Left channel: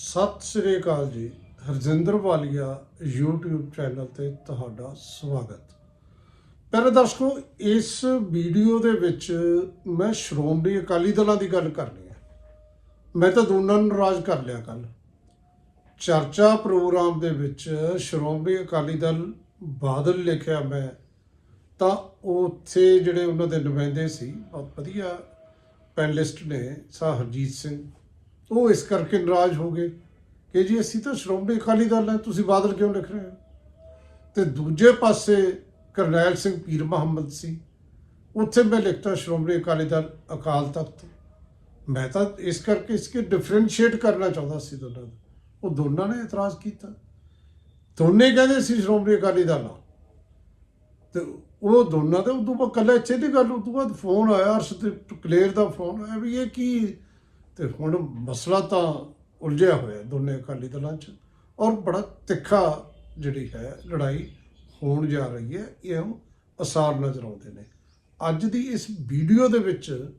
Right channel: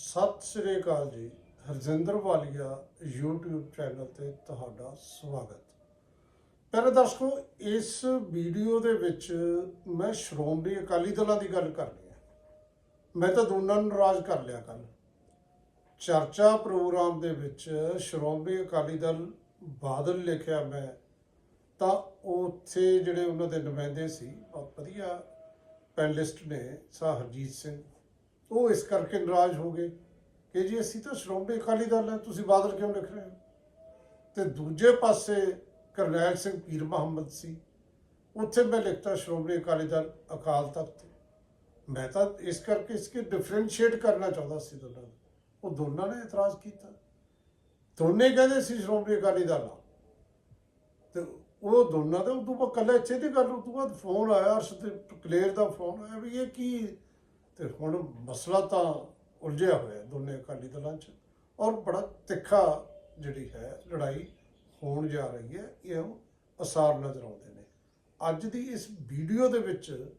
ਸਤਿ ਸ੍ਰੀ ਅਕਾਲ ਜੀ। ਹਰਜਿੰਦਰ ਵਾਲੀਆ YouTube channel ਤੇ ਤੁਹਾਡਾ ਸਵਾਗਤ। ਪਿਆਰੇ ਦਰਸ਼ਕੋ, ਇਸ ਵੀਡੀਓ ਦੇ ਵਿੱਚ ਮੈਂ ਸ਼੍ਰੋਮਣੀ ਅਕਾਲੀ ਦਲਾਂ ਦੀ ਗੱਲ ਕਰਨੀ ਹੈ। ਮੈਂ ਤਾਂ ਦੋਨਾਂ ਨੂੰ ਨਾਰਾਜ਼ ਕਰ ਲਿਆ ਕੱਲ ਚਰਚਾ ਪ੍ਰੋਗਰਾਮ ਦੇ ਵਿੱਚ ਸ਼੍ਰੋਮਣੀ ਅਕਾਲੀ ਦਲ ਬਾਦਲ ਲਿਖਿਆ ਮੈਂ, ਤਾਂ ਉੱਥੇ ਜਿਹੜੇ ਉਹਨਾਂ ਦੇ ਨੁਮਾਇੰਦੇ ਸੀ ਬਹੁਤ ਵਧੀਆ ਪੈਨਲਿਸਟ ਨੇ ਸਾ ਹਰਜੀਤ ਸਿੰਘ। ਉਹ ਇਸ ਕਰਕੇ ਨਾਰਾਜ਼ ਹੋ ਗਏ ਕਿ ਜੀ ਅਸੀਂ ਤਾਂ ਸ਼੍ਰੋਮਣੀ ਅਕਾਲੀ ਦਲ ਹੈ, ਤੁਸੀਂ ਬਾਦਲ ਕਿਉਂ ਲਿਖ ਰਹੇ ਹੋ? ਤੇ ਦੂਜੇ ਪਾਸੇ ਕਰਨੈਲ ਸਿੰਘ ਪੀਰ ਮੁਹੰਮਦ ਸੀ, ਉੱਥੇ ਮੈਂ ਲਿਖਤਾ ਸ਼੍ਰੋਮਣੀ ਅਕਾਲੀ ਦਲ ਅਕਾਲ ਤਖਤ ਮੈਂ ਤਾਂ ਇਸ ਕਰਕੇ ਇਸਕੇ ਡਿਫਰੈਂਸ਼ੀਏਟ ਕਰਨਾ ਚਾਹੁੰਦਾ ਸੀ ਦੋਨਾਂ ਦਾ ਉਹ ਦੋਨਾਂ ਨੇ ਇਤਰਾਜ਼ ਕੀਤਾ। ਦੋਨੇ ਕਹਿੰਦੇ ਸੀ ਸ਼੍ਰੋਮਣੀ ਅਕਾਲੀ ਦਲ ਆ ਤੇ ਉਹ ਦੋਨਾਂ ਦੇ ਉਦੋਂ ਬਾਅਦ ਕੱਲਾ ਇੱਥੇ ਦੀ ਗੱਲ, ਉਦੋਂ ਬਾਅਦ ਫੋਨ ਆਇਆ, ਅਰਸ਼ਦੀਪ ਕਲੇਰ ਦਾ ਫੋਨ ਆਇਆ ਵੀ ਇਹ ਕੀ ਤੇ ਹੁਣ ਮਸਲਾ ਤਾਂ ਉਲਝਿਆ ਹੋਇਆ ਦੋਨੇ ਅਕਾਲੀ ਦਲਾਂ 'ਚ ਔਰ ਬੜਾ ਤਿੱਖਾ ਜਿਹੜੀ ਹੈ ਲੜਾਈ ਹੋਣ ਜਾ ਰਹੀ ਹੈ, ਇਹ ਅਸਾਰ ਨਜ਼ਰ ਆਉਂਦੇ ਨੇ। ਅੱਜ ਦੀ ਇਸ ਵੀਡੀਓ ਦੇ ਵਿੱਚ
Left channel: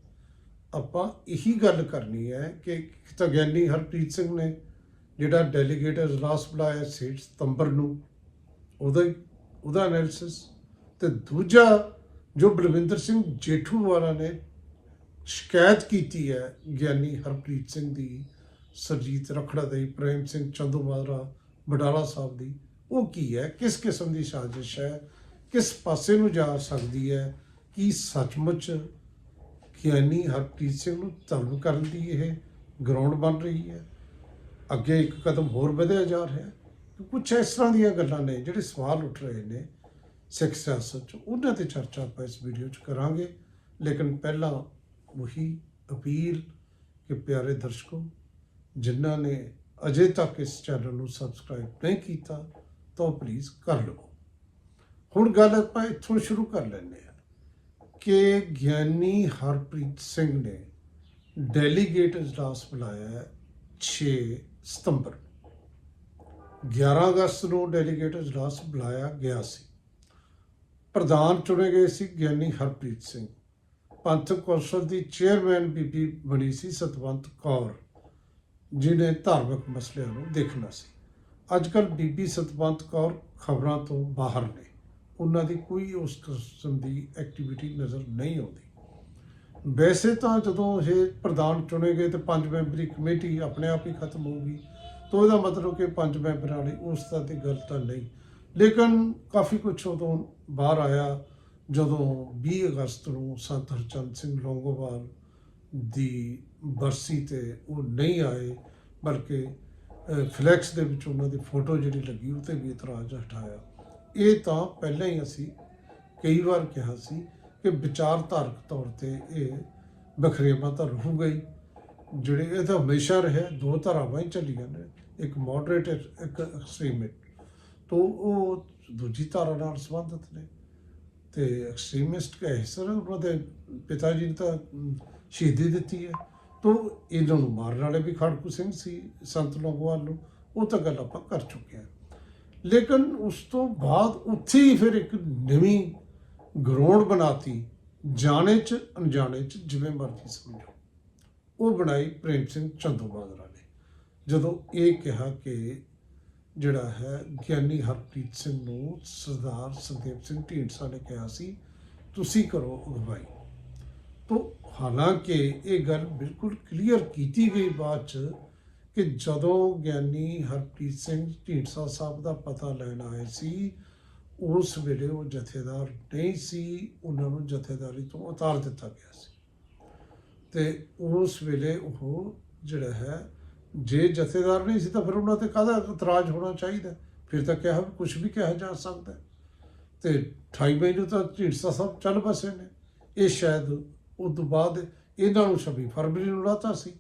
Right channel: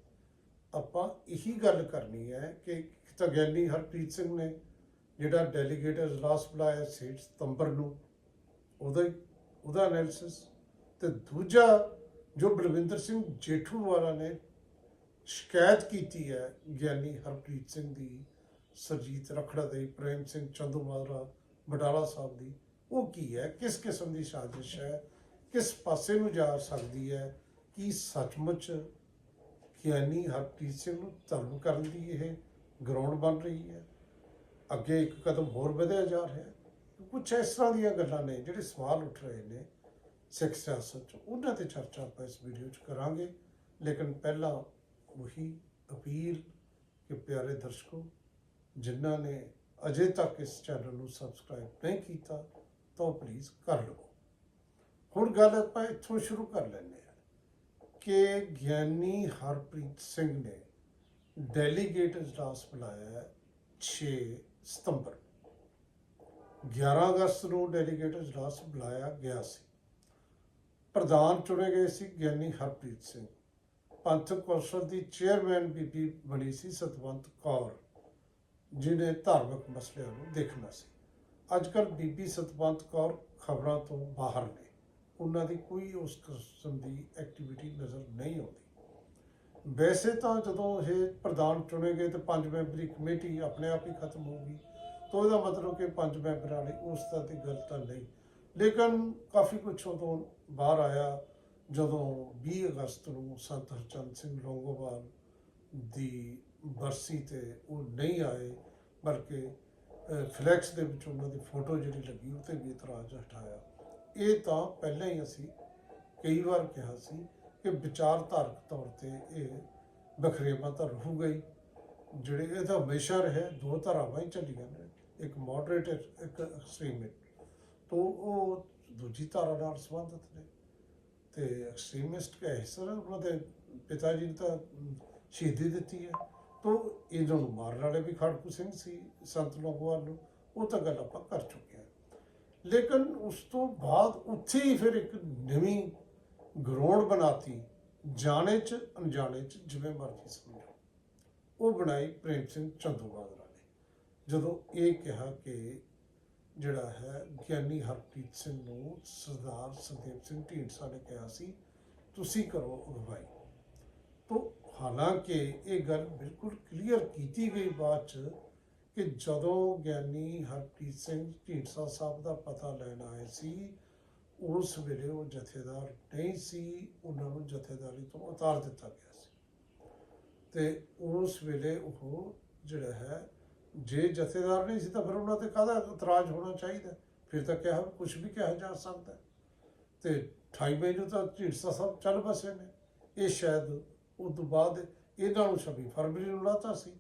ਆਪਾਂ ਇਹੀ ਗੱਲ ਕਰਨੀ ਹੈ ਕਿ ਤਾਂ ਗਿਆਨੀ ਹਰਪ੍ਰੀਤ ਸਿੰਘ ਨੇ ਜਿਹੜਾ ਡੈਲੀਗੇਟ ਅਜਲਾਸ ਬੁਲਾਇਆ ਸੀ ਸਤੰਬਰ ਨੂੰ, ਉਹਦਾ ਉਹਦਾ ਐਨਾਲਿਸਿਸ ਤੇ ਦੂਜਾ ਜੋ ਬਲਵਿੰਦਰ ਸਿੰਘ ਜੇਠੂ ਵਾਲਾ ਨੇ ਸ਼ਿਕਾਇਤ ਕੀਤੀ ਹੈ ਗਿਆਨੀ ਹਰਪ੍ਰੀਤ ਸਿੰਘ ਦੀ, ਸਰਜੀਤ ਰਖੜਾ ਦੇ, ਪ੍ਰੇਮ ਸਿੰਘ ਚੰਦੂਮਾਜਰਾ ਬਡਾਲਾ ਸਾਹਿਬ ਦੀ। ਉਹ ਕੀ ਹੈ? ਕਿਸ ਕਿਸਮ ਦੀ ਸਾਜ਼ਿਸ਼ ਹੈ? ਕਿਸ ਪਾਸੇ ਨੂੰ ਜਾ ਸਕਦੀ ਹੈ? ਕੀ ਸੱਚਮੁੱਚ ਗਿਆਨੀ ਹਰਪ੍ਰੀਤ ਸਿੰਘ ਨੂੰ ਧਰਮ ਕਰਨ ਦੀ ਇਹ ਗਰਾਊਂਡ ਬਣ ਰਹੀ ਹੈ? ਅੱਗੇ ਇੱਕ ਕਦਮ ਹੋਰ ਵਧਿਆ ਜਾ ਰਿਹਾ ਹੈ? ਕੁਝ ਇਸ ਤਰ੍ਹਾਂ ਦੀਆਂ ਗੱਲਾਂ ਨੇ ਜਿਹੜੇ ਸਵਾਲ ਉੱਠ ਰਹੇ ਨੇ ਸਿੱਖ ਸਿਆਸਤ 'ਚ। ਉਹਨਾਂ ਤੇ ਚਰਚਾ ਆਪਾਂ ਇਸ ਵੀਡੀਓ 'ਚ ਕਰਾਂਗੇ। ਲੇਕਿਨ ਪਹਿਲਾਂ ਉਹੀ ਅਪੀਲ ਕਿ ਪਿਆਰੇ ਦਰਸ਼ਕੋ, ਜਿਨ੍ਹਾਂ ਨੇ ਅਜੇ ਤੱਕ ਇਸ ਚੈਨਲ ਨੂੰ ਸਬਸਕ੍ਰਾਈਬ ਨਹੀਂ ਕੀਤਾ, ਤਾਂ ਪਲੀਜ਼ ਕਰ ਲਵੋ। ਹੁਣ ਗੱਲ ਆਪਾਂ ਇੱਥੋਂ ਸ਼ੁਰੂ ਕਰ ਲੈਂਦੇ ਹਾਂ ਕਿ ਗਿਆਨੀ ਹਰਪ੍ਰੀਤ ਸਿੰਘ ਨੇ ਡੈਲੀਗੇਟ ਇਜਲਾਸ ਬੁਲਾਇਆ ਹੈ 6 ਸਤੰਬਰ। 11 ਅਗਸਤ ਨੂੰ ਡੈਲੀਗੇਟ ਇਜਲਾਸ ਬੁਲਾਇਆ ਗਿਆ ਸੀ। ਪ੍ਰਧਾਨ ਚੁਣੇ ਗਏ ਸੀ ਗਿਆਨੀ ਹਰਪ੍ਰੀਤ ਸਿੰਘ। ਪੰਥਕ ਕੌਂਸਲ ਦੀ ਚੇਅਰਮੈਨ ਬੀਬੀ ਬਣੀ ਸੀ ਸਤਵੰਤ ਕੌਰ ਜਿਨੇ ਧਾਰਮਿਕ ਮਸਲਿਆਂ ਨੂੰ ਦੇਖਣਾ ਸੀ। ਅੱਜ ਕੱਲ ਬੀਬੀ ਸਤਵੰਤ ਕੌਰ ਖਬਰਾਂ ਤੋਂ ਬਾਹਰ ਨੇ। ਉਹਨਾਂ ਦੀ ਕੋਈ ਉਸ ਕਿਸਮ ਦੀ ਐਕਟੀਵਿਟੀ ਨਜ਼ਰ ਨਹੀਂ ਆਉਂਦੀ। ਵੈਸੇ ਤਾਂ ਜਦੋਂ ਇਹ ਪ੍ਰਧਾਨ ਚੁਣੇ ਗਏ ਤੇ ਪੰਜ ਮੈਂਬਰੀ ਕਮੇਟੀ ਆਪਣੇ ਆਪ ਹੀ ਖਤਮ ਹੋ ਗਈ, ਤਾਂ ਇਹਦਾ ਮਤਲਬ ਕਿ ਪੰਜ ਮੈਂਬਰਾਂ ਵਾਲੀ ਉਸ ਤਰ੍ਹਾਂ ਦੀ ਗੱਲ ਤਾਂ ਨਹੀਂ। ਲੇਕਿਨ ਕਾਫੀ ਕੁਝ ਉਦੋਂ ਬਾਹਰ ਆਇਆ। ਜਦੋਂ 20 ਅਗਸਤ ਨੂੰ ਸੰਤ ਹਰਚੰਦ ਸਿੰਘ ਲੌਂਗੋਵਾਲ ਦੀ ਬਰਸੀ ਤੇ ਉਹ ਨਹੀਂ ਆਏ, ਬਲਕਿ ਫਲੈਕਸ ਦੇ ਵਿੱਚ ਉਹਨਾਂ ਦੀ ਫੋਟੋ ਜਿਹੜੀ ਲੱਗੀ ਉਹ ਤੇ ਵੀ ਇਤਰਾਜ਼ ਹਟਾਇਆ। ਇਹ ਤਾਂ ਪਹਿਲਾਂ ਹੀ ਅਸੀਂ ਕਈ ਵਾਰ ਕਿਹਾ ਸੀ ਕਿ ਵਿਚਾਰਧਾਰਕ ਤੌਰ ਤੇ ਇਹ ਬਖਰੇਵਾ ਤਾਂ ਰਹੂਗਾ ਗਈ ਜਿਹੜੇ ਇਹ ਤਾਂ ਹਮੇਸ਼ਾ ਰਿਹਾ, ਦੋ ਧਾਰਾਵਾਂ ਹੀ ਚੱਲੀਆਂ ਨੇ, ਇੱਕ ਮੋਡਰੇਟ, ਇੱਕ ਐਕਸਟ੍ਰੀਮਿਟ ਤੋਂ ਉਹ ਦੂਜੀ ਧਾਰਾ ਨਾਲ ਸੰਬੰਧਿਤ ਨੇ। ਤੇ ਐਕਸਟ੍ਰੀਮਿਸਟ ਕਹੇ ਸਰ ਉਹਨਾਂ ਦੇ ਪਿਤਾ ਜੀ ਨੇ ਤਾਂ ਸ਼ਹੀਦੀ ਦਿੱਤੀ ਹੈ। ਤੋਂ ਇਹਨਾਂ ਨੂੰ ਮਾਰਨ ਵਾਲੇ ਵੀ ਖੜਕੂ ਸਿੰਘ ਸੀ, ਸੰਤ ਲੋਗੋਵਾਲ ਨੂੰ। ਉਹ ਤਾਂ ਗੱਲ ਆਪਾਂ ਕਰ ਚੁੱਕੇ ਹਾਂ। ਲੇਕਿਨ ਉਸ ਤੋਂ ਬਾਅਦ ਉੱਥੇ ਹੀ ਫਿਰ ਇੱਕ ਨਵੀਂ ਗਰਾਊਂਡ ਬਣਾਤੀ, ਜਾਣੇ ਚ, ਅਣਜਾਣੇ ਚ, ਜਿਵੇਂ ਮਰਜ਼ੀ ਸਮਝੋ। ਉਹ ਬਣਾਈ ਪ੍ਰੇਮ ਸਿੰਘ ਚੰਦੂਮਾਜਰਾ ਨੇ ਜਦੋਂ ਇਹ ਕਿਹਾ ਕਿ ਜਿਹੜਾ ਹੈ, ਗਿਆਨੀ ਹਰਪ੍ਰੀਤ ਸਿੰਘ ਨੂੰ ਸਰਦਾਰ ਸੰਦੀਪ ਸਿੰਘ ਢੀਂਡਸਾ ਨੇ ਕਿਹਾ ਸੀ, ਤੁਸੀਂ ਕਰੋ ਅਗਵਾਈ। ਤੋਂ ਹਾਲਾਂਕਿ ਇਹ ਗੱਲ ਬਿਲਕੁਲ ਕਲੀਅਰ ਕੀਤੀ ਗਈ ਬਾਅਦ ਚ ਕਿ ਜਦੋਂ ਗਿਆਨੀ ਹਰਪ੍ਰੀਤ ਸਿੰਘ ਢੀਂਡਸਾ ਸਾਹਿਬ ਦਾ ਪਤਾ ਲੈਣ ਆਏ ਸੀ, ਉਸ ਵੇਲੇ ਉਹ ਜਥੇਦਾਰ ਨਹੀਂ ਸੀ, ਉਹਨਾਂ ਨੂੰ ਜਥੇਦਾਰੀ ਤੋਂ ਉਤਾਰ ਦਿੱਤਾ ਗਿਆ ਸੀ। ਤੇ ਉਸ ਵੇਲੇ ਉਹ ਜਿਹੜਾ ਹੈ ਜੇ ਜਥੇਦਾਰ ਨਹੀਂ ਸੀ ਤਾਂ ਫਿਰ ਉਹਨਾਂ ਤੇ ਕਾਹਦਾ ਇਤਰਾਜ਼ ਹੋਣਾ ਚਾਹੀਦਾ ਫਿਰ ਤਾਂ ਕਿਹਾ ਕੁਝ ਵੀ ਕਿਹਾ ਜਾ ਸਕਦਾ ਹੈ। ਤੇ 28 ਮਈ ਨੂੰ ਤਾਂ ਢੀਂਡਸਾ ਸਾਹਿਬ ਚੱਲ ਬਸੇ ਨੇ। ਇਹ ਸ਼ਾਇਦ ਉਸ ਤੋਂ ਬਾਅਦ ਇਹਨਾਂ ਨੂੰ 26 ਫਰਵਰੀ ਨੂੰ ਲਾਤਾ ਸੀ।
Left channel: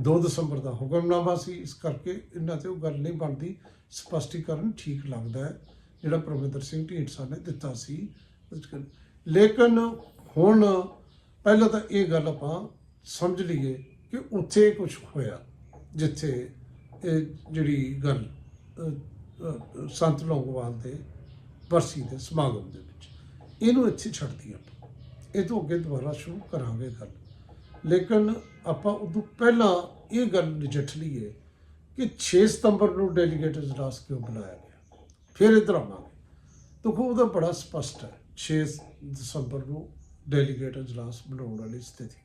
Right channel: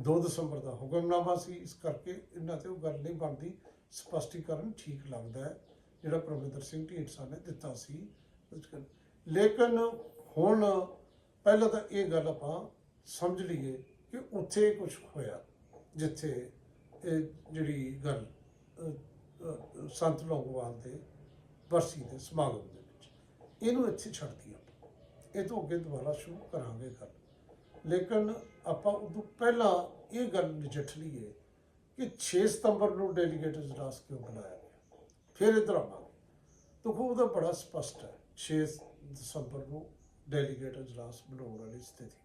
2 ਦਸੰਬਰ ਦਾ ਹੁਕਮਨਾਮਾ ਸੀ। ਇਸ ਕਰਕੇ ਇਹਨਾਂ ਤੇ ਉਹ ਗੱਲ ਨਹੀਂ ਬਣਦੀ। ਸਪਸ਼ਟੀਕਰਨ ਠੀਕ ਲੱਗਦਾ ਹੈ। ਜਿਹੜਾ ਪ੍ਰਵਿੰਦਰ ਸਿੰਘ ਢੀਂਡਸਾ ਨੇ ਦਿੱਤਾ ਸੀ। ਲੇਕਿਨ ਹੁਣ ਪਹਿਲਾਂ ਤਾਂ ਇਹ ਗੱਲ ਆਪਾਂ ਸਮਝ ਲਈਏ ਕਿ ਉੱਥੇ ਕੁਝ ਹੋਇਆ। ਜਿੱਥੇ ਇਹ ਜਿਹੜੀ ਗੱਲ ਸੰਤ ਲੋਕਵਾਲ ਦੇ ਬਰਸੀ ਦੇ ਸਮਾਗਮ ਦੇ ਵਿੱਚ। ਇਹਨੂੰ ਇੱਥੇ ਛੱਡਦੀ ਆਪਾਂ। ਇਹ ਤੋਂ ਅੱਗੇ ਦੁਬਾਰਾ ਸ਼ੁਰੂ ਕਰਾਂਗੇ ਗੱਲ। ਲੇਕਿਨ ਆਪਾਂ ਉਦੋਂ ਪਹਿਲਾਂ ਇਹ ਗੱਲ ਨਜਿੱਠ ਲਈਏ ਕਿ 6 ਸਤੰਬਰ ਨੂੰ ਡੈਲੀਗੇਟ ਇਜਲਾਸ ਕਿਉਂ ਬੁਲਾਇਆ ਗਿਆ? ਫਿਰ ਇਧਰ ਆਵਾਂਗੇ। ਦੇਖੋ ਉਹਦਾ ਬੜਾ ਸਪਸ਼ਟ ਹੈ। 6 ਦਸੰਬਰ ਨੂੰ ਡੈਲੀਗੇਟ ਇਜਲਾਸ ਬਣਾਉਣ ਵਾਲੀ ਸਥਿਤੀ।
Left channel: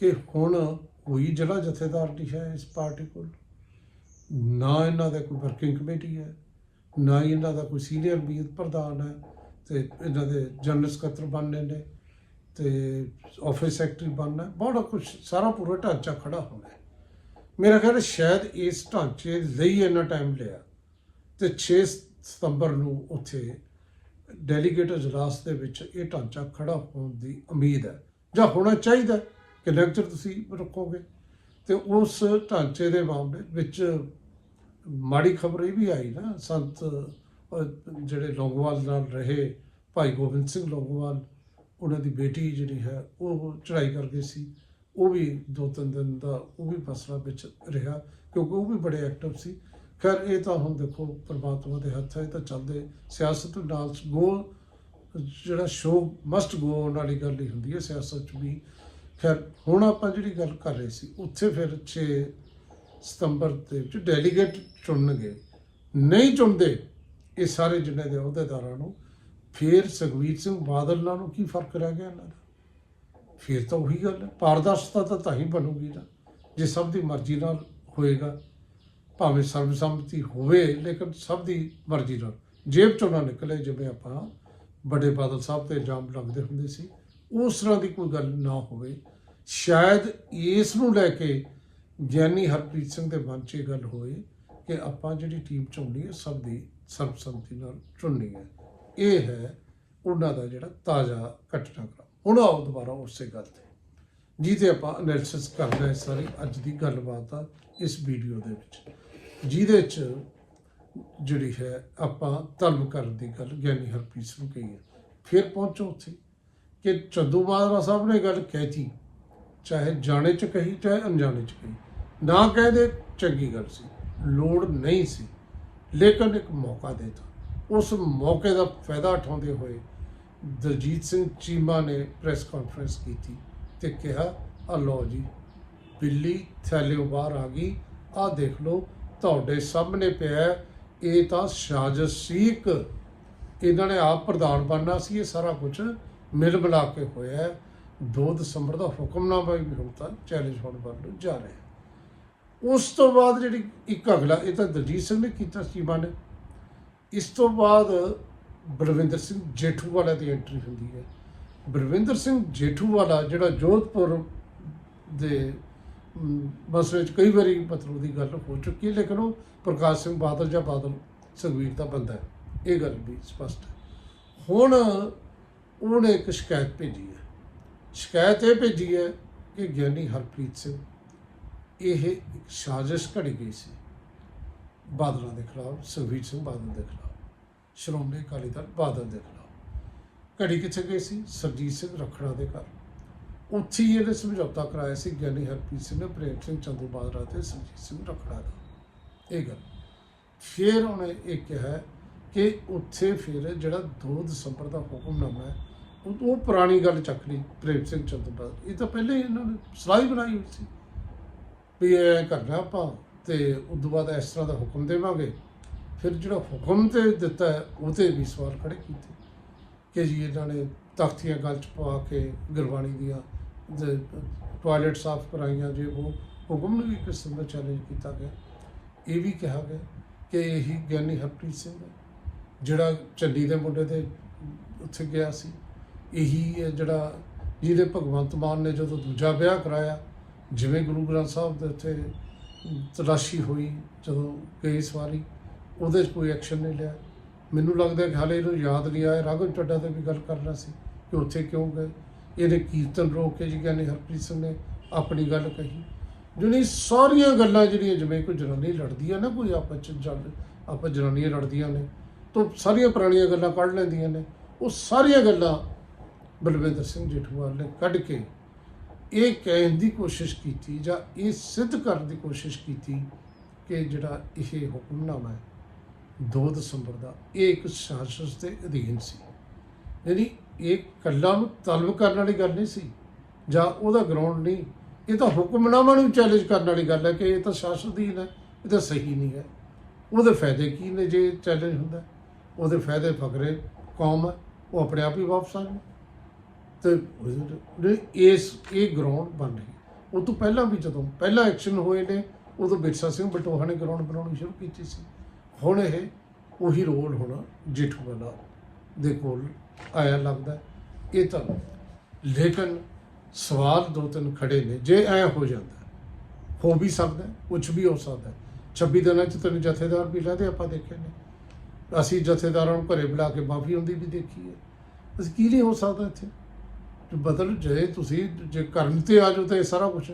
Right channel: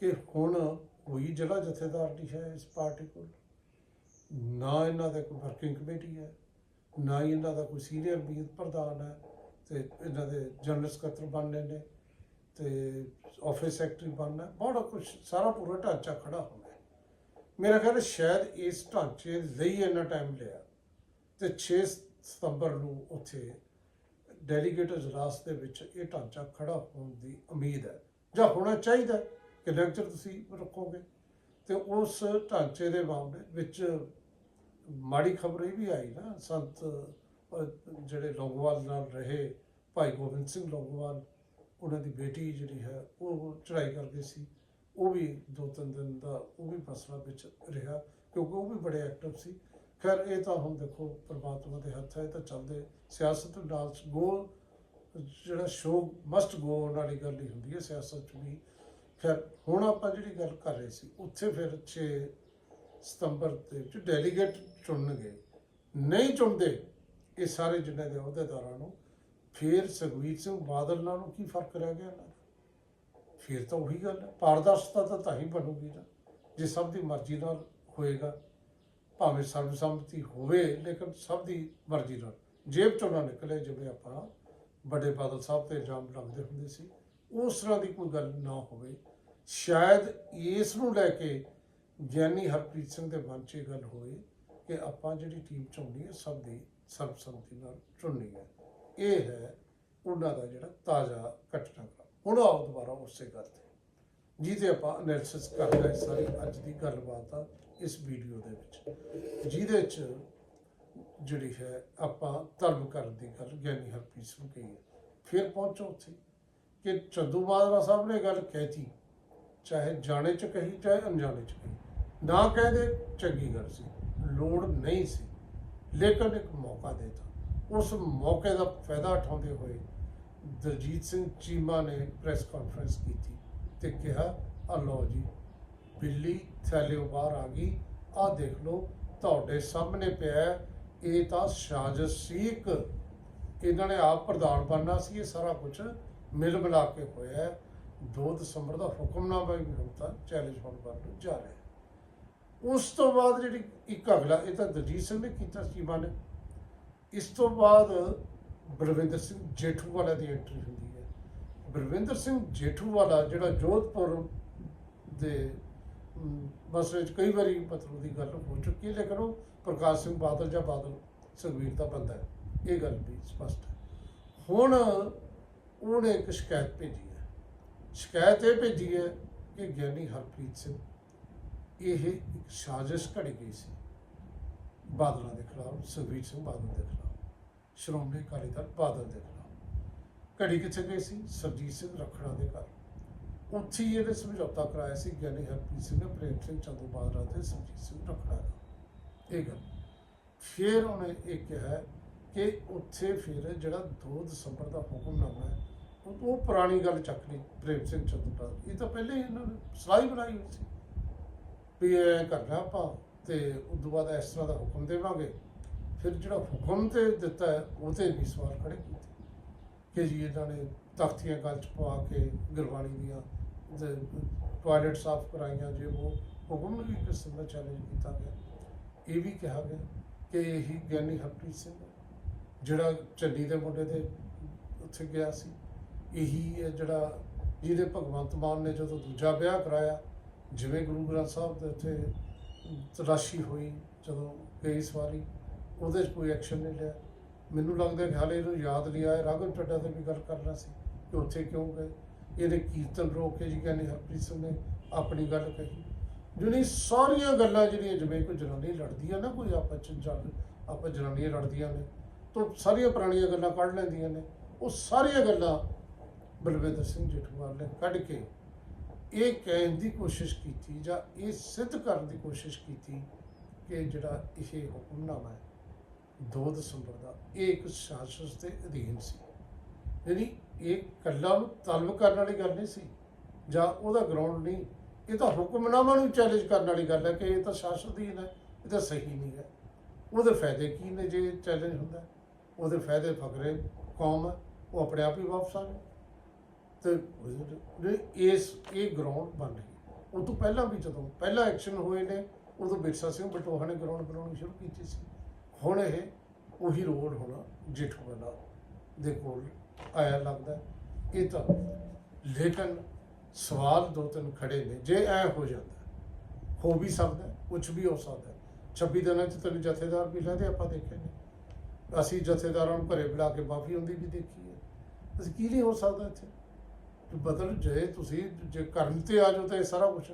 ਕਿ ਹੁਣ ਕੋਈ ਜ਼ਿਲ੍ਹਾ ਜਥੇਦਾਰ ਨਹੀਂ ਹੈ ਇਸ ਪਾਰਟੀ ਕੋਲ। ਨਾ ਇਹਨਾਂ ਦਾ ਕੋਈ ਵਰਕਿੰਗ ਕਮੇਟੀ ਹੈ, ਨਾ ਹੀ ਇਹਨਾਂ ਦਾ ਕੋਈ ਸੀਨੀਅਰ ਮੀਤ ਪ੍ਰਧਾਨ ਹੈ, ਤੇ ਇਹਨਾਂ ਦੇ ਜਨਰਲ ਸਕੱਤਰ ਬਣਨੇ ਨੇ, ਤੇ ਆਫਿਸ ਸੈਕਟਰੀ ਬਣਨਾ ਬਹੁਤ ਬੜਾ ਕੁਝ ਸਾਰਾ ਪੂਰਾ ਢਾਂਚਾ ਖੜਾ ਹੋਣਾ ਮੇਰਾ ਖਿਆਲ ਸ਼ਾਇਦ ਇਸ ਢਾਂਚੇ ਲਈ ਇੰਨਾ ਟਾਈਮ ਲਿਆ। ਤੇ 6 ਸਤੰਬਰ ਨੂੰ ਉੱਥੇ ਡੈਲੀਗੇਟ ਅਜਲਾਸ ਦੇ ਵਿੱਚ ਇਹ ਢਾਂਚਾ ਖੜਾ ਹੋਣ ਦੀ ਉਮੀਦ ਹੈ। ਜਾਂ ਹੋਣਾ ਚਾਹੀਦਾ ਕਿ ਲੈਕਚਰ ਤੁਸੀਂ ਰੱਖੋਗੇ? ਤੇ ਉਸ ਢਾਂਚੇ ਦੇ ਮਾਮਲੇ ਵਿੱਚ ਮਾੜੀ ਖਬਰ ਇਹ ਵੀ ਆਈ ਨਾ, ਸੰਤ ਜਿਹੜੇ ਲੌਂਗੋਵਾਲ ਨਾਲ ਰਹੇ ਭਾਈ ਗੋਬਿੰਦ ਸਿੰਘ ਲੌਂਗੋਵਾਲ, ਉਹਨਾਂ ਦੀ ਬੇਟੀ ਜਿਹੜੀ ਹੈ, ਉਹ ਚੜ੍ਹਾਈ ਕਰ ਗਈ ਸੀ। ਉਹ ਵੀ ਦੋ ਤਿੰਨ ਦਿਨ ਦਾ ਉਹ ਵੀ ਫਸਲਾ ਵਿੱਚ ਰਿਹਾ, ਕਿਉਂਕਿ ਉਹ ਵੀ ਬੜੇ ਐਕਟਿਵ ਸੀ। ਖੈਰ, ਇਹ ਤਾਂ ਹੁਣ ਦੇਖੋ ਪਰਮਾਤਮਾ ਦੇ ਹੱਥ ਹੈ ਇਹ ਤਾਂ ਚੱਲਦੇ। ਸਿਆਸਤ ਨਾਲ ਗੋ ਜਿਹੜਾ ਸ਼ੋਅ ਮਸਟ ਗੋ ਆਨ ਵਾਲੀ ਗੱਲ ਹੀ ਹੁੰਦੀ ਹੈ ਸਿਆਸਤ 'ਚ ਵੀ। ਖੈਰ ਹੁਣ ਆਪਾਂ ਜਿਹੜੀ ਗੱਲ ਕਰ ਰਹੇ ਸੀ, ਉੱਥੇ ਫਿਰ 6 ਸਤੰਬਰ ਦੇ ਵਿੱਚ ਡੈਲੀਗੇਟ ਚੁਣਨਗੇ। ਨਹੀਂ ਚੁਣਦੇ, ਇਹ ਸਾਰੇ ਜਿੰਨੇ ਦੇ ਅਹੁਦੇਦਾਰਾਂ ਨੂੰ, ਫਿਰ ਸੁਖਬੀਰ ਸਿੰਘ ਬਾਦਲ ਨਾਲੋਂ ਕੀ ਫ਼ਰਕ ਰਹਿ ਗਿਆ ਇਹਨਾਂ ਦਾ? ਫਿਰ ਤਾਂ ਉਹੀ ਗੱਲ ਹੈ, ਪਾਰਦਰਸ਼ਤਾ ਤਾਂ ਤਾਂ ਹੀ ਬਣੂਗੀ ਨਾ, ਜੇ ਸਭ ਦੀ ਮਰਜ਼ੀ ਨਾਲ ਹੋਏਗਾ, ਭਾਵੇਂ ਸਰਬਸੰਮਤੀ ਹੋਵੇ, ਲੇਕਿਨ ਸਭ ਦੀ ਮਰਜ਼ੀ ਨਾਲ। ਜੇਬ ਚੋਂ ਨਾ ਨਿਕਲੇ ਜਿਵੇਂ ਆਪਾਂ ਵੱਡੇ ਬਾਦਲ ਸਾਹਿਬ ਤੇ ਇਲਜ਼ਾਮ ਲੱਗਦੇ ਹੁੰਦੇ ਸੀ। ਉਸ ਤਰ੍ਹਾਂ ਦੀ ਕੋਈ ਗੱਲ ਨਾ ਹੋਵੇ। ਸ਼ਾਇਦ ਇਸ ਨੂੰ ਲੈ ਕੇ ਗਿਆਨੀ ਹਰਪ੍ਰੀਤ ਸਿੰਘ ਦੇ ਮਨ 'ਚ ਇਹ ਗੱਲ ਹੋਏ ਕਿ ਆਪਾਂ ਜਿਹੜੀ ਟੀਮ ਚੁਣਨੀ ਹੈ, ਸਭ ਦੀ ਸਰਬਸੰਮਤੀ ਨਾਲ ਚੁਣਨੀ ਹੈ। ਇਹ ਹੈ ਉਹਨਾਂ ਦਾ ਜਿਹੜਾ ਤਾਜ਼ਾ ਘਟਨਾਕ੍ਰਮ। ਹੁਣ ਆਓ ਦੁਬਾਰਾ ਉਸੇ ਗੱਲ ਤੇ। ਜਿਹਦੇ ਆਪਾਂ ਐਨਾਲਿਸਿਸ ਕਰਦੇ ਹਾਂ ਸਾਰੀ ਅੱਜ ਦੀ ਗੱਲਬਾਤ ਆ ਇਸ ਵੀਡੀਓ ਦੇ ਵਿੱਚ। ਜਿਹਦੇ 'ਚ ਜਿਹੜੀ ਹੈ ਆਪਾਂ ਧਰਮ ਕਰਨ ਦੀ ਗੱਲ ਗਿਆਨੀ ਹਰਪ੍ਰੀਤ ਸਿੰਘ ਕਹੀ ਹੈ। ਫਿਰ ਪਹੁੰਚੋ ਉੱਥੇ। ਕਿ ਚੰਦੂ ਮਾਜਰਾ ਸਾਹਿਬ ਨੇ ਗੱਲ ਕਹਿਤੀ ਚਾਹੇ ਜਾਣੇ ਚ ਕਹੀ, ਚਾਹੇ ਅਣਜਾਣੇ ਚ ਕਹੀ। ਨਾ ਕਹਦੇ ਚੰਗੀ ਗੱਲ ਸੀ। ਲੋੜ ਨਹੀਂ ਸੀ। ਲੇਕਿਨ ਇੱਕ ਮੌਕਾ ਦੇਤਾ। ਉਸ ਮੌਕੇ ਦਾ ਫਾਇਦਾ ਉਠਾਉਂਦੇ ਹੋਏ ਦਲਜੀਤ ਸਿੰਘ ਚੀਮਾ ਨੇ ਪ੍ਰੈਸ ਕਾਨਫਰੰਸ ਕੀਤੀ ਤੇ ਕਿਹਾ, ਆ ਲਓ ਜੀ, ਬਿੱਲੀ ਥੈਲਿਓ ਬਾਹਰ ਆ ਗਈ। ਆ ਦੇਖ ਲਓ, ਤੁਹਾਡੇ ਸਾਹਮਣੇ ਪਿਆ ਇਹ ਤਾਂ ਸਾਜ਼ਿਸ਼ ਸੀ ਇੱਕ। ਇਹਨਾਂ ਨੇ ਆਪ ਪ੍ਰਧਾਨ ਬਣਨਾ ਸੀ, ਇਹ ਸਾਰਾ ਕੁਝ ਮਿਲ ਮਿਲਾ ਕੇ ਹੋਇਆ ਹੈ। 2 ਦਸੰਬਰ ਦਾ ਹੁਕਮਨਾਮਾ ਵੀ ਹੁਣ ਤਾਂ ਚੈਲੰਜ ਹੋਣ ਵੱਲ ਨੂੰ ਜਾ ਰਿਹਾ ਉਸ ਤੋਂ ਬਾਅਦ ਜਿਹੜੀ ਇੱਕ ਅਗਲਾ ਇਹ ਤਾਂ ਦਲਜੀਤ ਸਿੰਘ ਨੇ ਕੀਤਾ ਸੀਮਾ ਨੇ ਇਸ ਤੋਂ ਬਾਅਦ ਬਲਵਿੰਦਰ ਸਿੰਘ ਜੇਠੂਵਾਲਾ ਦੀ ਐਂਟਰੀ ਹੁੰਦੀ ਹੈ। ਬਲਵਿੰਦਰ ਸਿੰਘ ਜੇਠੂਵਾਲਾ ਜਿਹੜਾ ਜੋਧਪੁਰ ਦੇ ਅਮ, ਮਸਲੇ 'ਚ ਕਈ ਵਾਰੀ ਮਤਲਬ ਦੀ ਗੱਲ ਹੋ ਚੁੱਕੀ ਹੈ ਲੇਕਿਨ ਉਹ ਪ੍ਰਕਾਸ਼ ਸਿੰਘ ਬਾਦਲ ਜਾਂ ਬਾਦਲ ਸੁਖਬੀਰ ਦਾ ਬੰਦਾ ਹੈ। ਇਹ ਗੱਲ ਵੀ ਸਪਸ਼ਟ ਹੈ। ਹੁਣ ਉਹਨੇ ਇੱਕ ਸ਼ਿਕਾਇਤ ਭੇਜੀ ਹੈ। ਸ਼ਿਕਾਇਤ ਇਹ ਭੇਜੀ ਹੈ ਕਿ ਗਿਆਨੀ ਹਰਪ੍ਰੀਤ ਸਿੰਘ, ਇਹ ਇੱਕ ਸਾਜ਼ਿਸ਼ ਘੜੀ ਗਈ ਸੀ ਬਾਦਲਾਂ ਦੇ ਖਿਲਾਫ ਸੁਖਬੀਰ ਸਿੰਘ ਬਾਦਲ ਦੇ ਖਿਲਾਫ, ਸ਼੍ਰੋਮਣੀ ਅਕਾਲੀ ਦਲ ਬਾਦਲ ਦੇ ਖਿਲਾਫ। ਘੜੀ ਕਿੱਥੇ ਗਈ ਸੀ? ਸਰਜੀਤ ਸਿੰਘ ਰੱਖੜਾ ਦੇ ਘਰ। ਉੱਥੇ ਹੀ ਇਹਨੇ ਸਮਝੌਤਾ ਕਰਾਇਆ ਸੀ, ਗਿਆਨੀ ਹਰਪ੍ਰੀਤ ਸਿੰਘ ਨੇ ਪ੍ਰੇਮ ਸਿੰਘ ਚੰਦੂ ਬਾਦਰਾ ਤੇ ਸਰਜੀਤ ਸਿੰਘ ਰੱਖੜਾ ਦਾ। ਇਹ ਗੱਲ। ਫਿਰ ਉਹਨੇ ਇਹ ਕਿਹਾ ਕਿ ਉੱਥੇ ਫਿਰ ਜਿਹੜਾ 2 ਦਸੰਬਰ ਦਾ ਹੁਕਮਨਾਮਾ ਹੈ ਹੁਣ ਉਹ ਪੁਰਾਣੀ ਗੱਲ ਚੱਕ ਲਈ ਪ੍ਰੇਮ ਸਿੰਘ ਚੰਦੂ ਬਾਦਲ ਇਹ ਤਾਂ ਪਹਿਲੇ ਹੀ ਇਹਨਾਂ ਨੇ ਸਲਾਹ ਹੀ ਬਣਾਈ ਹੋਈ ਸੀ ਵੀ ਇਹ ਕਰਨਾ ਆਪਾਂ ਤੇ ਉਸ ਤੋਂ ਬਾਅਦ ਇਸ ਤਰ੍ਹਾਂ ਦਾ ਹੁਕਮ ਦੇਵਾਂਗੇ। ਫਿਰ ਜਿਹੜਾ ਹੁਕਮ ਤੇ ਦਿੱਤਾ ਉਹ ਤੇ ਵੀ ਸਵਾਲ ਖੜੇ ਕੀਤੇ ਕਿ ਜੀ ਇਹਨਾਂ ਨੇ ਤਖਤੀਆਂ ਗੱਲ ਚ ਪਵਾ ਕੇ ਗੁਰਬਾਣੀ ਦੀਆਂ ਟਾਇਲਟ ਸਾਫ਼ ਕਰਾਈਆਂ ਜੇ ਉਹ ਹੁਕਮ ਨੂੰ ਵੀ ਕਿਸਮ ਦਾ ਚੈਲੰਜ ਕੀਤਾ ਗਿਆ। ਇਹ ਵੀ ਕਿਹਾ ਗਿਆ ਕਿ ਇਹੀ ਗਿਆਨੀ ਹਰਪ੍ਰੀਤ ਸਿੰਘ ਜਿਹੜਾ ਚੰਡੀ ਦੇ ਮੁੰਡੇ ਦੇ ਉੱਥੇ ਗਿਆ ਸੀ। ਇਹੀ ਹੈ ਜਿਹੜਾ ਜਿਹਦੇ ਭਗਵੰਤ ਮਾਨ ਨੇ ਜਦੋਂ ਦੂਜਾ ਵਿਆਹ ਕਰਾਇਆ, ਜਿਵੇਂ ਗੁਰੂ ਗ੍ਰੰਥ ਸਾਹਿਬ ਦੇ ਉੱਤੇ ਤਲਾਸ਼ੀ ਹੋਈ, ਜਦੋਂ ਗਈ ਸਵਾਰੀ ਉਹਦੇ 'ਚ ਕੋਈ ਐਕਸ਼ਨ ਨਹੀਂ ਲਿਆ। ਮੈਨੂੰ ਲੱਗਦਾ ਕਿ ਹਾਲੇ ਇਹਨੂੰ ਯਾਦ ਨਹੀਂ ਆਇਆ। ਰਾਘਵ ਚੱਡਾ ਤੇ ਵੀ ਗੱਲ ਕਰਨਾ ਸੀ ਕਿ ਉੱਥੇ ਕਿਉਂ ਗਏ। ਇਹਨੇ ਕੀਰਤਨ ਰੋਕ ਕੇ ਜੀ ਕਹਿੰਦੇ ਹਰਪ੍ਰੀਤ ਸਿੰਘ ਨੇ ਆਪਣੀ ਗੱਲ ਕਹੀ। ਜਿਹੜੀ ਸਾਰੀਆਂ ਗੱਲਾਂ ਜਿਹੜੀਆਂ ਜਿਵੇਂ ਕੋਈ ਜਨਾਨੀ ਲੜਦੀ ਆ ਨਾ, ਕੋਈ ਆਪਸ ਚ ਜਦ ਆਪਾਂ ਜਨਾਨੀਆਂ ਲੜਦੀਆਂ ਨੇ, ਤਾਂ ਸਾਰੀਆਂ ਪੁਰਾਣੀਆਂ ਗੱਲਾਂ ਕੱਢ ਲੈਂਦੀਆਂ ਨੇ। ਉਹ ਸਾਰੀਆਂ ਗੱਲਾਂ ਬਲਵਿੰਦਰ ਸਿੰਘ ਜੇਠੂਵਾਲ ਨੇ ਕੱਢ ਕੇ ਇਹ ਕਹਿਣ ਦੀ ਕੋਸ਼ਿਸ਼ ਕੀਤੀ ਜਾਂ ਇਹ ਸਿੱਧ ਕਰਨ ਦੀ ਕੋਸ਼ਿਸ਼ ਕੀਤੀ ਕਿ ਜਿਹੜਾ ਇਹ ਹੁਕਮਨਾਮਾ ਹੈ 2 ਦਸੰਬਰ ਦਾ, ਇਹ ਇੱਕ ਸਾਜ਼ਿਸ਼ ਦੇ ਅਧੀਨ ਸੀ। ਯਾਨੀ ਇਹ ਕੱਲਾ ਨੂੰ ਤਲਬ ਕਰਨ ਵਾਲੀ ਗੱਲ ਨਹੀਂ ਸੀ ਜਾਂ ਉਹਦਾ ਗਰਾਊਂਡ ਨਹੀਂ, ਇਹ ਤਾਂ ਹੁਕਮਨਾਮਾ ਨੂੰ ਚੈਲੰਜ ਕਰਨ ਵਾਲੀ ਗੱਲ ਹੈ ਕਿ ਇਹ ਤਾਂ ਸ਼ਾਸਨ ਅਧੀਨ ਹੈ, ਇਹ ਤਾਂ ਸਹੀ ਨਹੀਂ ਹੈ। ਉਹਦੇ ਫਾਇਦੇ ਕੀ ਨੇ ਜੇ ਚੈਲੰਜ ਹੁੰਦਾ? ਉਹਦੇ ਫਾਇਦੇ ਫਕਰੇ ਕੌਮ ਹੈ, ਉਹ ਆਪਣੇ ਆਪ ਹੀ ਵਾਪਸ ਆ ਜਾਣ। ਤੇ ਉਹਦੇ- ਇਸ ਇਹ ਗਰਾਊਂਡ ਬਣ ਰਹੀ ਹੈ ਉਹ ਤੋਂ ਪਹਿਲਾਂ ਵੀ ਜਦੋਂ ਪਹਿਲਾਂ ਐਕਸ਼ਨ ਹੋਏ ਨੇ ਉਦੋਂ ਬਿਰਸਾ ਸਿੰਘ ਬਟੋਹਾ ਨੇ ਗਰਾਊਂਡ ਬਣਾਉਣੀ ਸ਼ੁਰੂ ਕੀਤੀ ਸੀ। ਹੁਣ ਇਹ ਉਹੀ ਰੋਲ ਹੁਣ ਜੇਠੂਵਾਲਾ ਦੇ ਕੋਲ ਆਇਆ ਲੱਗਦਾ ਇਹ ਤਾਂ ਲੇਕਿਨ ਸਵਾਲ ਦੋ ਤਿੰਨ ਖੜੇ ਨੇ। ਜੇ ਐ ਹੋ ਜਾਂਦਾ ਹੋ ਵੀ ਸਕਦਾ ਹੈ, ਕੁਛ ਵੀ ਹੋ ਸਕਦਾ ਹੈ। 26 ਦਿਨਾਂ ਚ ਤੈਨੂੰ ਜਥੇਦਾਰ ਵੀ ਲਹਿਦੇ ਆਪਾਂ ਦੇਖੇ ਨੇ। ਅਸੀਂ ਜਥੇਦਾਰਾਂ ਨੂੰ ਘਰੇ ਬੁਲਾ ਕੇ ਮਾਫੀ ਹੁੰਦੀ ਵੀ ਦੇਖੀ ਹੈ। ਅਸੀਂ ਕੀ ਨਹੀਂ ਹੋ ਸਕਦਾ ਇੱਥੇ? ਬਦਲ ਜੇ ਤੁਸੀਂ, ਜੇ ਕਰਨ ਤੇ ਆ ਜਾਓ ਤਾਂ ਇਹ ਸਾਰਾ ਕੁਝ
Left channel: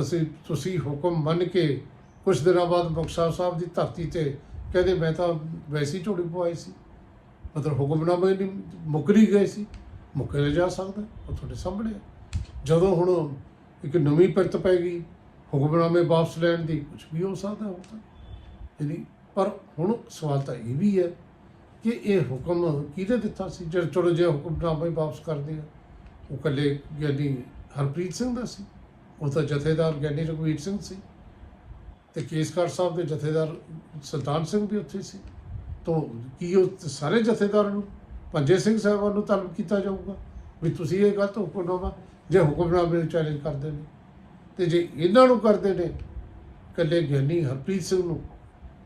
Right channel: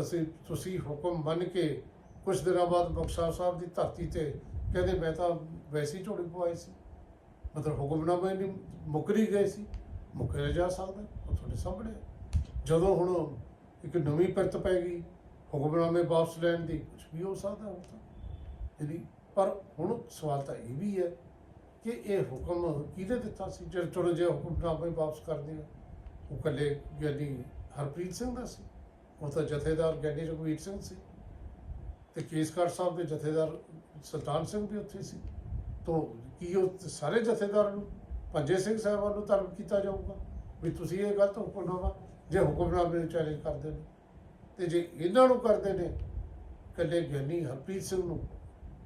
ਅਸੀਂ, ਤੁਸੀਂ ਹੁਕਮ ਮੰਨ ਕੇ ਕੁਝ ਦਿਨਾਂ ਬਾਅਦ ਮੁਕਤਸਰ ਸਾਹਿਬ ਦੀ ਧਰਤੀ ਤੇ ਕਹਿੰਦੇ ਮੈਂ ਤਾਂ ਵੈਸੀ ਝੋੜੀ ਪਵਾਈ ਸੀ। ਮਤਲਬ ਹੁਕਮਨਾਮੇ ਨਹੀਂ ਮੁਕਰੀ ਗਏ ਸੀ। ਮੁਕਰਿਆ ਜਾ ਸਕਦਾ, ਉਹ ਤੁਹਾਡੇ ਸਾਹਮਣੇ ਹੈ ਜਦੋਂ ਹੁਣ ਇੱਕ ਨਵੀਂ ਪਿਰਤ ਪੈ ਗਈ, ਹੁਕਮਨਾਮੇ ਵਾਪਸ ਲੈਣ ਦੀ ਕੁਝ ਵੀ ਹੋ ਸਕਦਾ ਹੁਣ ਤਾਂ। ਯਾਨੀ ਪਰ ਹੁਣ ਸਵਾਲ ਤਾਂ ਇਹ ਵੀ ਹੈ ਕਿ ਇਹ ਹੁਕਮ ਕਿਹਦੇ ਦਿੱਤਾ ਸੀ? ਜੇ ਚਲੋ ਜੇ ਹੁਕਮਨਾਮਾ ਹੀ ਵਾਪਸ ਕਰਦੇ ਆ ਉਹ ਕੱਲੇ ਗਿਆਨੀ ਹਰਪ੍ਰੀਤ ਸਿੰਘ ਦਾ ਸੀ ਉਹ ਤਾਂ ਜਥੇਦਾਰ ਗਿਆਨੀ ਰਘਵੀਰ ਸਿੰਘ ਸੀ ਤੇ ਕੇਸਗੜ੍ਹ ਸਾਹਿਬ ਦੇ ਜਥੇਦਾਰ ਸੁਲਤਾਨ ਸਿੰਘ ਵੀ ਉੱਥੇ ਸੀ। ਤੋਂ ਕੀ ਉਹ ਸਾਰੇ ਜਥੇਦਾਰਾਂ ਨੂੰ, ਪੰਜੇ ਸਿੰਘ ਸਾਹਿਬਾਨ ਨੂੰ ਤਲਬ ਕੀਤਾ ਜਾਊਗਾ ਵੀ ਤੁਸੀਂ ਇਹ ਗਲਤ ਹੁਕਮਨਾਮਾ ਜੇ ਹੁਕਮਨਾਮੇ ਨੂੰ ਚੈਲੰਜ ਕਰਦੇ ਨੇ। ਤੇ ਜੇ ਇਹਨਾਂ ਨੂੰ ਕਰਦੇ ਨੇ ਕੱਲੇ ਗਿਆਨੀ ਹਰਪ੍ਰੀਤ ਸਿੰਘ ਨੂੰ,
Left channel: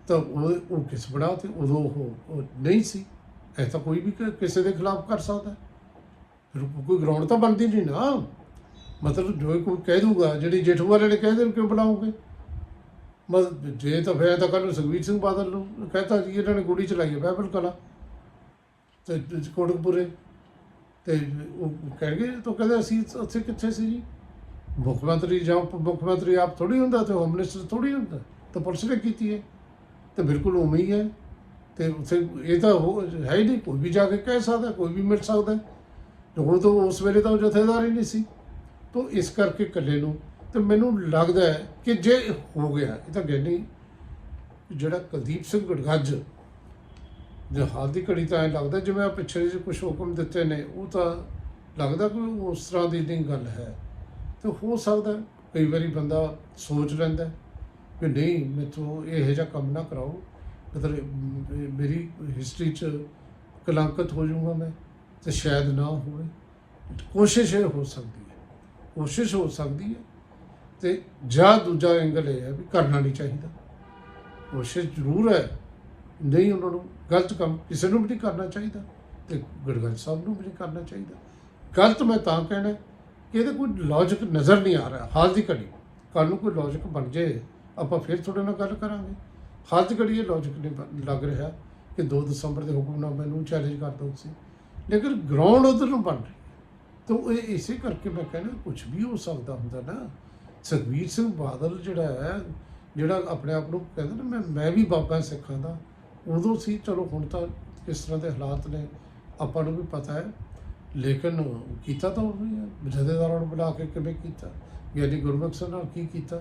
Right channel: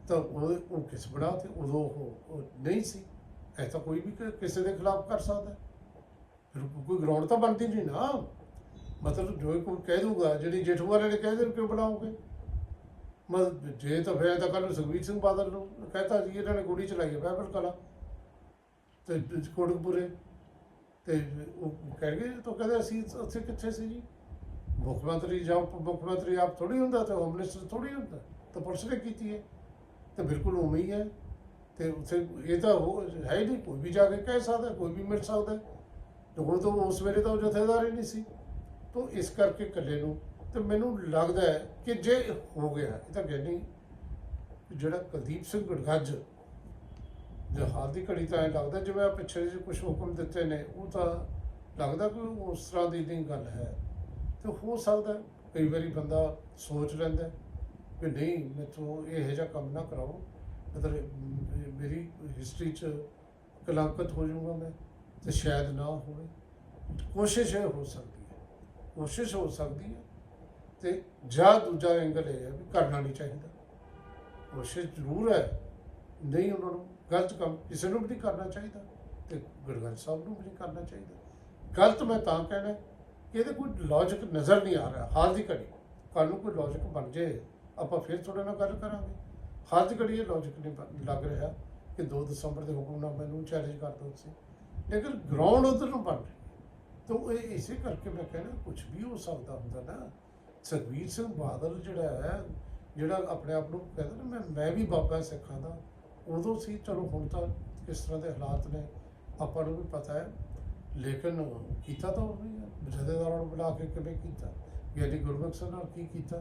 ਤਾਂ ਉਹ ਉਹ ਕਿਸ ਬੜਾ ਤੇ ਉਦੋਂ ਉਹ ਨਹੀਂ ਸੀ। ਐ ਤਾਂ ਕੋਈ ਵੀ ਕਿਸੇ ਦੇ ਖਿਲਾਫ ਕਰ ਸਕਦਾ। ਹੈ। ਫਿਰ ਕੋਈ ਗਰਾਊਂਡ ਤਾਂ ਬਣਦੀ ਨਹੀਂ ਨਾ। ਮਤਲਬ ਜੋ ਕੋਈ ਕਹਿ ਦੂਗਾ, ਜਿਹੜੀ ਜੇਠੂ ਵਾਲੇ ਨੇ ਕਹਿ ਦੇਣ ਕਿਉਂ ਬਣਾਓਗੇ? ਮਤਲਬ ਜੇ ਤਾਂ ਫਿਰ ਤਾਂ ਕੱਲ ਸੁਖਬੀਰ ਸਿੰਘ ਬਾਦਲ ਨੂੰ ਕਹਤਾ ਸੀ, ਇਹਨਾਂ ਨੇ ਗੋਲੀ ਚਲਾਈ ਹੈ ਬਾਈਬਲ ਕਲਾ। ਤੇ ਕੋਟਕਪੁਰੇ। ਤੇ ਉਹ ਕਹਿਣਗੇ, ਤਾਂ ਕਹਿੰਦੇ ਅਸੀਂ ਉੱਥੇ ਕਿੱਥੇ ਸੀ ਜੀ? ਮੁੱਖ ਮੰਤਰੀ ਜਾਂ ਉਪ ਮੁੱਖ ਮੰਤਰੀ ਆਪ ਥੋੜੀ ਹੁੰਦਾ ਤੇ ਹੋਮ ਮਿਨਿਸਟਰ ਥੋੜੀ ਹੁੰਦਾ। ਤਾਂ ਪੁਲਿਸ ਨੇ ਕੀਤੀ ਹੈ। ਤੇ ਬਿਲਕੁਲ ਉਵੇਂ ਹੀ ਹੈ। ਤੇ ਉੱਥੇ ਇਹ ਤਾਂ ਉਹ ਹੈ ਹੀ ਨਹੀਂ, ਕੋਈ ਵੀ ਜਾ ਕੇ ਕਹਿ ਸਕਦਾ, ਕੋਈ ਵੀ ਮਿਲ ਸਕਦਾ। ਤੇ ਉਹ ਤਾਂ ਉਸ ਵੇਲੇ ਤਾਂ ਉਹ ਜਥੇਦਾਰ ਹੀ ਨਹੀਂ ਸੀ। ਤੋਂ ਇਸ ਕਰਕੇ ਇਕੱਲੇ ਨੂੰ, ਤੇ ਮੈਨੂੰ ਲੱਗਦਾ ਹੈ ਕਿ ਜੇ ਹੋ ਗਿਆ, ਇਹ ਤਾਂ ਗਿਆਨੀ ਜਿਹੜਾ ਕੁਲਦੀਪ ਸਿੰਘ ਗੜਗੱਜ ਦੇ ਹਾਲ ਦੀ ਘੜੀ ਤਾਂ ਲੱਗਦਾ, ਜਿਵੇਂ ਆ ਪਿੱਛੇ ਜਿਹੇ ਕੁਝ ਹੁਕਮ ਦਿੱਤੇ ਨੇ, ਉਹ ਤਾਂ ਲੱਗਦਾ ਕੋਈ ਉਸ ਤਰ੍ਹਾਂ ਦੀ ਨਹੀਂ ਗੱਲ ਹੈ। ਤੇ ਹੋ ਸਕਦਾ ਕਈ ਵਾਰੀ ਬੰਦਾ ਸੋਚ ਲੈਂਦਾ ਕਿ ਨਹੀਂ, ਮੈਥੋਂ ਇਹੋ ਜਿਹਾ ਕੰਮ ਨਾ ਕਰਾਓ। ਮਤਲਬ ਮੇਰੀ ਹਿਸਟਰੀ 'ਚ ਕਲੰਕਤ ਹੋ ਜਾਊਂਗਾ ਮੈਂ। ਤੇ ਸ਼ਾਇਦ ਨਾ ਹੋਵੇ। ਕੋਸ਼ਿਸ਼ ਇਹ ਹੋ ਸਕਦੀ ਹੈ। ਕੋਸ਼ਿਸ਼ ਹੋ ਸਕਦੀ ਹੈ ਤੇ ਜਾਂ ਦੂਜਾ ਐਂਗਲ ਇਹ ਹੈ ਵੀ ਕਰਨਾ ਨਹੀਂ ਚਾਹੀਦਾ। ਕੋਸ਼ਿਸ਼ ਜ਼ਰੂਰ ਹੈ। ਨਹੀਂ, ਉਹਨਾਂ ਨੂੰ ਗਲਤ ਕੰਮ, ਕਿਸੇ ਨੂੰ ਵੀ ਨਹੀਂ ਕਰਨਾ ਚਾਹੀਦਾ ਤੇ ਗੜਗੜ ਸਾਹਿਬ ਨੂੰ ਵੀ ਨਹੀਂ ਕਰਨਾ ਚਾਹੀਦਾ। ਗਲਤ ਮੈਂ ਤਾਂ ਕਹਿਣਾ ਕਿ ਇਹਦੇ ਕੋਈ ਲੌਜੀਕ ਨਜ਼ਰ ਨਹੀਂ ਆ ਰਿਹਾ। ਹਾਲ ਦੀ ਘੜੀ ਕੱਲ ਨੂੰ ਕੋਈ ਲੌਜੀਕ ਬਣ ਜੇ, ਆਪਾਂ ਫਿਰ ਤੁਹਾਡੇ ਨਾਲ ਗੱਲ ਕਰਾਂਗੇ। ਹਾਲ ਦੀ ਘੜੀ ਇਹ ਲੌਜੀਕ ਨਹੀਂ ਲੱਗ ਰਿਹਾ ਕਿ 2 ਦਸੰਬਰ ਦੇ ਹੁਕਮਨਾਮੇ ਨੂੰ ਚੈਲੰਜ ਕਰ ਦੋ ਤੁਸੀਂ। ਲੇਕਿਨ ਗਰਾਊਂਡ ਉਧਰ ਨੂੰ ਬਣ ਰਹੀ ਹੈ। ਤਾਂ ਇਹ ਇਸੇ ਕਰਕੇ ਮੈਂ ਕਹਿੰਦਾ ਕੁਝ ਵੀ ਹੋ ਸਕਦਾ ਹੁੰਦਾ ਨਾ ਸੁਖਬੀਰ ਸਿੰਘ ਬਾਦਲ ਜਿਹੜਾ ਹੈ, ਜਿਹੜਾ ਆਪਣੇ ਆਪ ਨੂੰ ਕਹਿੰਦਾ ਨਾ, ਮੈਂ ਮੈਂ ਵੀ ਬਾਬਾ ਸਿੱਖਾਂ ਦਾ, ਉਦੋਂ ਸੀ, ਚਲੋ ਹੁਣ ਤਾਂ ਕਿਸ ਤਰ੍ਹਾਂ ਦੇ ਹਾਲਾਤ ਨੇ, ਆਪਾਂ ਨੂੰ ਵੀ ਪਤਾ ਹੈ। ਲੇਕਿਨ ਕੀਤਾ ਤਾਂ ਉਹ ਹੈ ਜਥੇਦਾਰਾਂ ਨੂੰ ਬੁਲਾ ਕੇ ਕਿਵੇਂ ਕੀਤਾ? ਯਾਨੀ ਗੁਰਮੁਖ ਸਿੰਘ ਨਾਲ ਕੀ ਕੀਤਾ?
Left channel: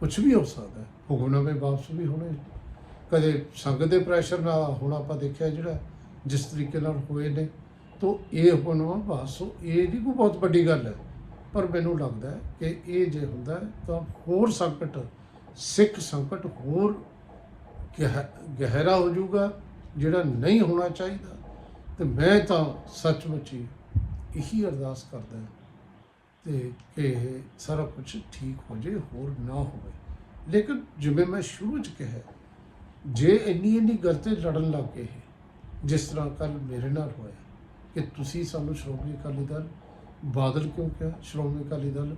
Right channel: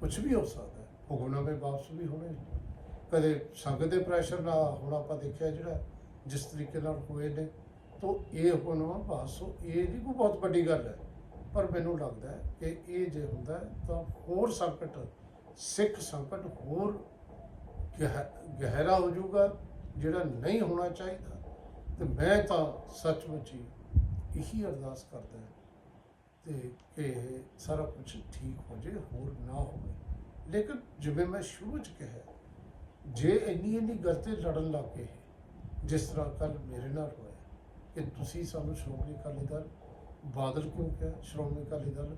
ਕੁਝ ਵੀ ਹੋ ਸਕਦਾ ਹੈ। ਹੁਕਮਨਾਮੇ ਵਾਪਸ ਵੀ ਹੋਣੇ। ਕਦੇ ਸੰਗਤ ਦੇ ਪ੍ਰੈਸ਼ਰ ਨਾਲ ਹੁਣ ਆਪਾਂ ਦੇਖਿਆ ਜਿਹੜਾ ਜਿਸ ਤਰੀਕੇ ਨਾਲ ਹੋਏ ਨੇ, ਤਾਂ ਇਹ ਹੁਕਮਨਾਮਾ ਵਾਪਸ ਹੋ- ਇਹ ਨਹੀਂ ਕੋਈ ਬਹੁਤ ਵੱਡੀ ਗੱਲ ਹੈ। ਪਰ ਮੈਨੂੰ ਲੱਗਦਾ ਹੈ ਕਿ ਇਹ ਜੇ ਹੁੰਦਾ ਤਾਂ ਹੋਰ ਸੰਕਟ, ਸਿੱਖ ਸੰਕਟ ਹੋਰ ਗਹਿ- ਗਹਿਰਾ ਹੋ ਜਾਊਗਾ, ਜਿਹੜਾ ਨਹੀਂ ਹੋਣਾ ਚਾਹੀਦਾ। ਤੇ ਮੈਂ ਤਾਂ ਸੱਚਮੁੱਚ ਹੀ ਇਹੀ ਅਰਦਾਸ ਕਰਦਾ ਹਾਂ ਤੇ ਕਿ ਇਹ ਸਾਰਾ ਕੁਝ ਠੀਕ ਹੋ ਜਾਏ, ਹੋਰ ਨਾ ਹੋਵੇ। ਲੇਕਿਨ ਜਿਵੇਂ ਮੈਂ ਸ਼ੁਰੂ ਚ ਕਿਹਾ, ਜੇ ਇੰਨੀ ਇੰਨੀ ਗਲਤੀ ਲੜਨ ਲੱਗ ਗਏ ਜਿਸ ਤਰ੍ਹਾਂ ਕੱਲ ਮੇਰੇ ਨਾਲ ਹੋਇਆ ਕਿ ਤੁਸੀਂ ਸਾਨੂੰ ਸ਼੍ਰੋਮਣੀ ਅਕਾਲੀ ਦਲ, ਬਾਦਲ ਕਿਉਂ ਕਿਹਾ? ਸ਼੍ਰੋਮਣੀ ਅਕਾਲੀ ਦਲ,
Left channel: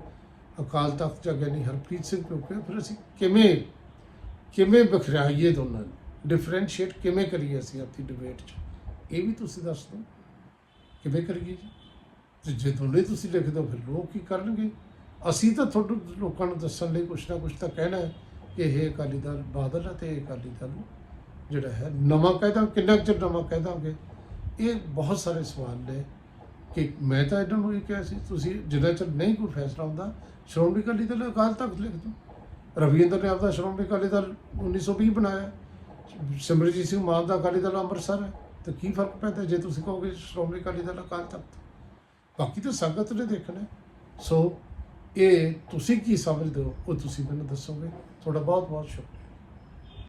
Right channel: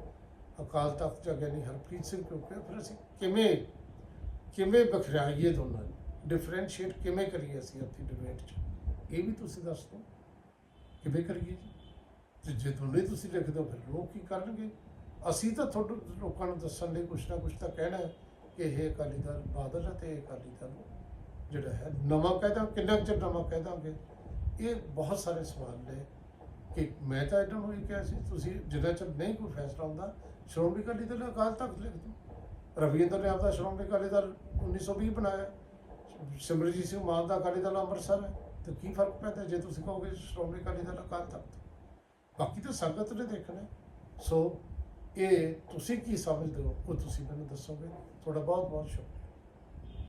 ਅਕਾਲ ਤਖਤ ਜਗ੍ਹਾ ਨਹੀਂ ਹਰਪ੍ਰੀਤ ਸਿੰਘ ਕਿਉਂ ਕਿਹਾ? ਫਿਰ ਅਸੀਂ ਕਿਵੇਂ ਕਿਵੇਂ ਬਖਰਾਈਏ ਦੋਨਾਂ ਨੂੰ? ਡਿਫਰੈਂਸ਼ੀਏਟ ਕਿਵੇਂ ਕਰੀਏ ਅਸੀਂ ਆਪਣੀ ਡਿਬੇਟ 'ਚ? ਇਹ ਵੀ ਤੁਸੀਂ ਦੱਸ ਦਿਓ। ਕਿਵੇਂ ਕਰੀਏ ਜੀ? ਤੇ ਜੇ ਦੋਨੇ ਤੁਸੀਂ ਲਿਖ ਦਿਓ ਫਿਰ ਲੋਕ ਕੀ ਕਰਨਗੇ? ਅਸੀਂ ਤਾਂ ਤੁਹਾਨੂੰ ਲੋਕਾਂ ਨੂੰ ਦੱਸਣ ਲਈ ਕੁਛ ਨਾ ਕੁਛ ਤਾਂ ਕਹਿਣਾ ਹੈ ਕਿ ਇਹ ਅਕਾਲੀ ਦਲ ਬਾਦਲ ਹੈ ਤੇ ਇਹ ਅਕਾਲੀ ਦਲ ਜਿਹੜਾ ਹੈ, ਨਵਾਂ ਕਹਿ ਦਾਂ ਕਿੰਨਾ ਕੁ ਚਿਰ ਨਵਾਂ ਕਹਿ ਦਾਂਗੇ ਇਹ ਬਹੁਤ ਸਾਰੇ ਸਵਾਲ ਨੇ ਕਿ ਮੈਂ ਤਾਂ ਇਹਨਾਂ ਨੂੰ ਇਹ ਕਿਹਾ ਸੀ, ਤੁਸੀਂ ਜਿੰਨਾ ਚਿਰ ਨਹੀਂ ਕੋਈ ਫੈਸਲਾ ਹੁੰਦਾ, ਸ਼੍ਰੋਮਣੀ ਅਕਾਲੀ ਦਲ ਅਕਾਲ ਤਖਤ ਲਿਖ ਦਿਓ। ਰਵਿੰਦਰ ਨੇ ਆਪਦਾ ਸ਼੍ਰੋਮਣੀ ਅਕਾਲੀ ਦਲ 1920 ਬਣਾਇਆ। ਸਿਮਰਜੀਤ ਸਿੰਘ ਮਾਨ ਦਾ ਅਕਾਲੀ ਦਲ ਅੰਮ੍ਰਿਤਸਰ ਹੈ, ਤਾਂ ਕੀ ਫ਼ਰਕ ਪੈਂਦਾ ਜੇ ਤੁਸੀਂ ਕਹੋਗੇ ਸ਼੍ਰੋਮਣੀ ਅਕਾਲੀ ਦਲ ਅਕਾਲ ਤਖਤ? ਬਾਕੀ ਤਾਂ ਸੰਗਤ ਨੇ ਦੇਖਣਾ ਸੋ ਇਹ ਤੁਸੀਂ ਕੀ ਸਮਝਦੇ ਹੋ, ਉਹ ਤੁਸੀਂ ਮੈਨੂੰ ਦੱਸੋਗੇ। ਤੁਹਾਡਾ ਬਹੁਤ ਬਹੁਤ ਸ਼ੁਕਰੀਆ।